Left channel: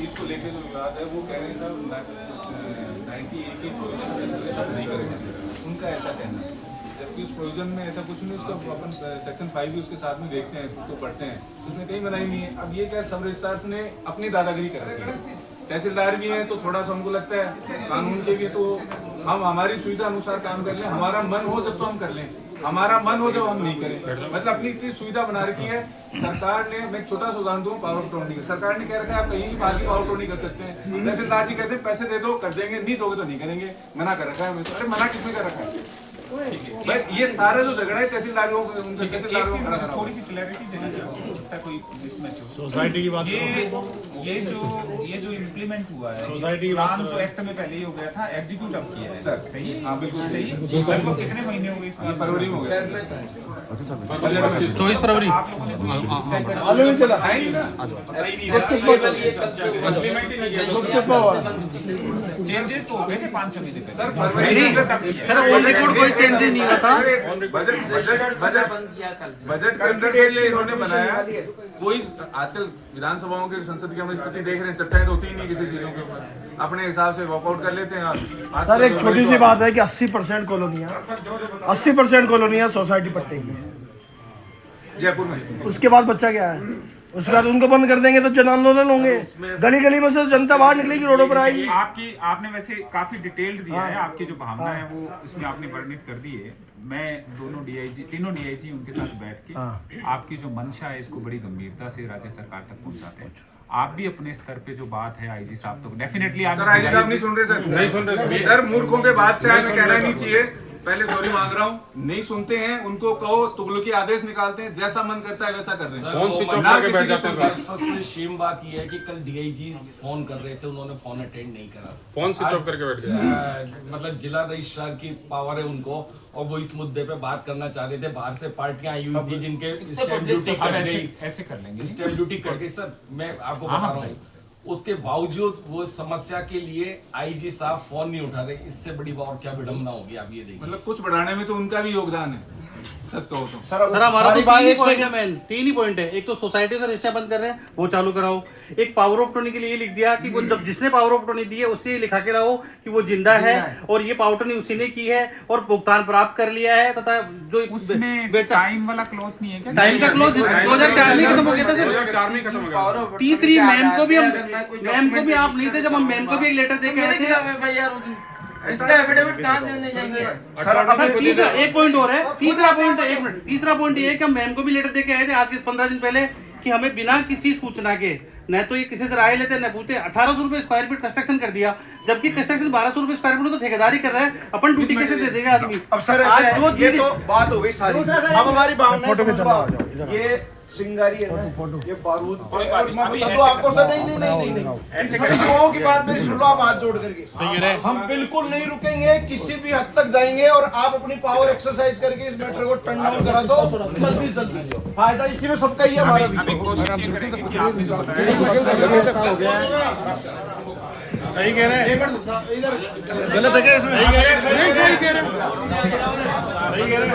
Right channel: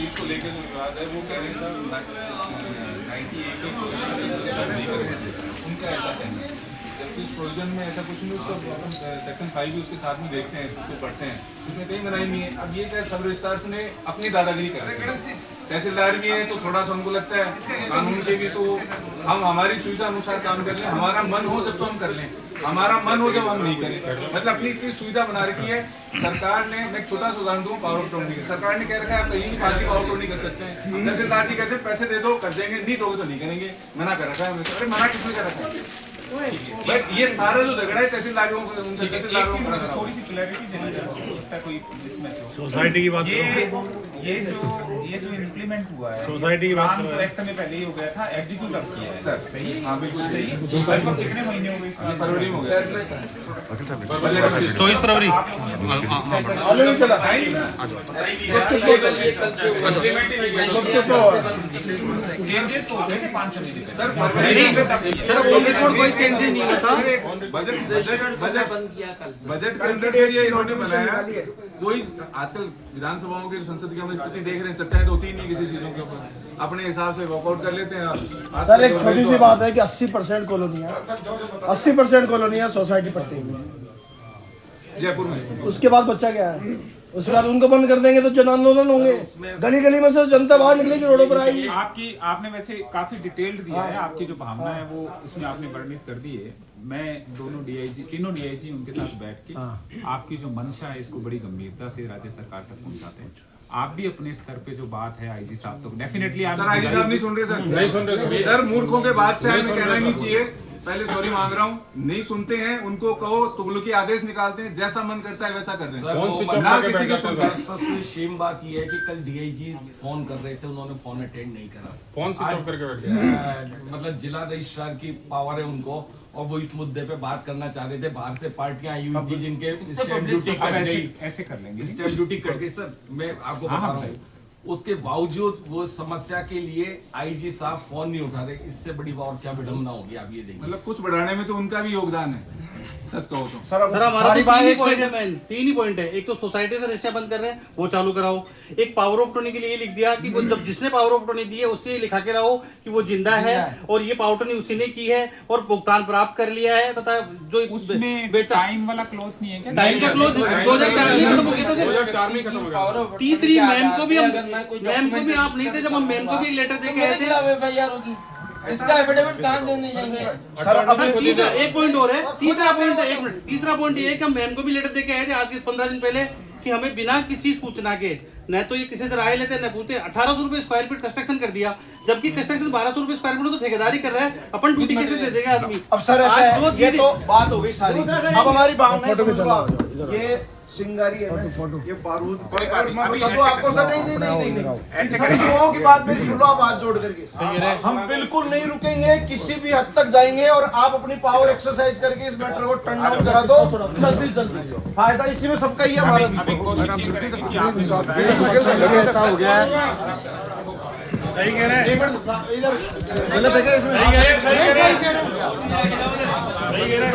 चीज़ को लेकर जो विवाद है वो कह रहे हैं सर 98 उनका ऐसा कहना है, जबकि उस प्रोविजन में ऐसा कुछ नहीं, उसका अपन सेक्शन 5 भी उसके साथ में देखते हैं, उसको पढ़ते हैं, उसमें कहीं बनाई नहीं है। अब ये क्या सब रजिस्ट्रार्स ने अपनी दादागिरी कर रखी है, तहसीलदार भी हैं तो थोड़ा सा उनको लगता है कानून के भी तो हम हमारी सुविधा अनुसार काम कर लें, हमारा मन हो जब तो हम कर लें, हमारा मन हो जब हम नहीं करें। मतलब अपनी इतनी सुविधा बना रखी है सरकार ने। मैं एक छोटा सा उदाहरण दूं, पावर ऑफ अटॉर्नी का सरकार ने कह रखा है आप कहीं भी बाहर की पावर ऑफ अटॉर्नी कर सकते हैं। तहसीलदार जी कहते हैं पैसे दे दो कर देंगे, नहीं दोगे तो नहीं करेंगे, मना कर रखा है। अरे मना किसने कर रखा है भाई? ये सारा जो झगड़ा है तहसीलदारों को उनसे तहसीलदारों को खड़ा करा। थोड़ी सी क्लैरिटी देना चाहता हूं कोई इसमें सोसाइटी की बात करो। ये जो इम्प्लीमेंट हुआ है सोसाइटी की बात काम तो करो। एक्ट में पहले ही हो गया था, एग्जीक्यूट अब किया है सर सही? हाँ बिल्कुल सही। लगभग कितने महीने हो गए इसमें? फरवरी में हो गया। 24 फरवरी। चेंजेस तो हो गए थे 5 समिति सर फरवरी में कोई चेंज नहीं होता। बजट के अंदर ये इन्होंने बनाया। कोई आजकल विधानसभाओं की संसद की हम स्थिति देख रहे हैं, चर्चाएं तो होती ही नहीं किसी चीजों के ऊपर, अपने हिसाब से वॉकआउट कर लेते हैं। सर एक छोटी सी बात है कि 80% कॉलोनियाँ 80% कॉलोनियाँ सोसाइटी पट्टे की हैं। जयपुर में उसके बाद बच्चा क्या है? उसके बाद उनको बंद कर देंगे तो जन आंदोलन होंगे, गली गली में से जनता बाहर निकलेगी, रोडों पर आएगी। आपने वैसे काफी डिटेल्ड दिया है, आपकी जो भावना है वो इसमें आपने वर्णित कर दी है। मैं तीनों डीआईजी उनके साथ बैठ के आपकी जो मंशा है इसको बड़ी गंभीरता से राज्य सरकार तक पहुंचाते हैं। आप भी अपने स्तर पे जो बात है आईजी साहब तो डेफिनेटली आप आईजी साहब नहीं सुन रहे सर, नहीं सुन रहे सर। मूर्खों के बात से हमें कहना ही नहीं चाहिए, पहले सॉरी मांग रहा हूँ। नहीं सुनते हैं उनको कहो तुगलकी आदेश निकालते हैं, जैसा मन करता है वैसा कर दें। ना किसी की सुनते। सबसे शेम बात यह है कि कल डीआईजी फोन कर रहे थे, उन्होंने फोन अटेंड नहीं करा, फोन स्विच ऑफ करके बैठ गए। मतलब जिला रजिस्ट्रार की पावर है उनको, और वो इस मुद्दे पे बात करना चाह रहे थे। बाहर से पार्टियां आई हुई थी जिनके स्टैंप ड्यूटी कट गई, ऐसे कर लेंगे। स्टैंप ड्यूटी कट गई। सर मैं आपको बता रहा हूँ, उसके बावजूद वो समस्या के लिए आईजी साहब फोन नहीं उठा रहे। इससे बड़ी और क्या विडंबना होगी, आप ये देखिए। मतलब कुछ बढ़ाने में तो उनका भी योगदान है, सच कहो तो। सर हमारा तो तीन ही पॉइंट है। एक तो सोसाइटी से रिक्शा बंद कर रहे हैं, वो चालू कराओ। एक पावर ऑफ अटॉर्नी के लिए लिख दिया कि वो जब जिसने पावर ऑफ अटॉर्नी दी है उससे लिखा के लाओ कि वो जिंदा है और ये पावर अटॉर्नी उसी ने की है और भुगतान प्राप्त कर लिया है, तथा जो उसमें टाइम वाला क्लोज नहीं है क्या? टाइम का क्लोज 2004 में खत्म हो गया था सर। 2004 में खत्म हो गया। तीसरी मैम को भी आप नहीं थे, जब हम मैम को भी एक लेटर दे के आए थे। इसका एफिडेविट कहाँ देने जाएंगे? एक पॉइंट और है, तीसरा पॉइंट ये है कि हम मैम को भी लेटर दे के आए थे आज से 15 दिन पहले कि हमें बिना किसी सूचना के, न तो ये किसी से राय लेते न पूछते, 1800 रुपए स्क्वायर फीट कंस्ट्रक्शन कर दिया, जबकि कंस्ट्रक्शन 1200 रुपए स्क्वायर फीट तो ठेकेदारी कर रहा है। अपन ड्यूटी कैसे दे देगा आदमी? अब सर ऐसा है, ये तो बात हो गई सारी। अब हमारी भावना ये सिंगारी है ना, ये बारूद और मैं बता दूं आपको सर। नहीं ऐसे लोगों की बात मेरी सुन लो आप हाथ जोड़ करके। हम बिल्कुल नहीं रुकेंगे, किसी भी हद तक जाएंगे और आप अपनी पावर एक्सरसाइज करके इस मैटर को टर्न डाउन करा दो जल्दी से जल्दी। फायदा इसी में सबका ही है, हमारा भी। सही कह रहे हैं, इधर गलत है क्या इसमें? सही कह रहे हैं।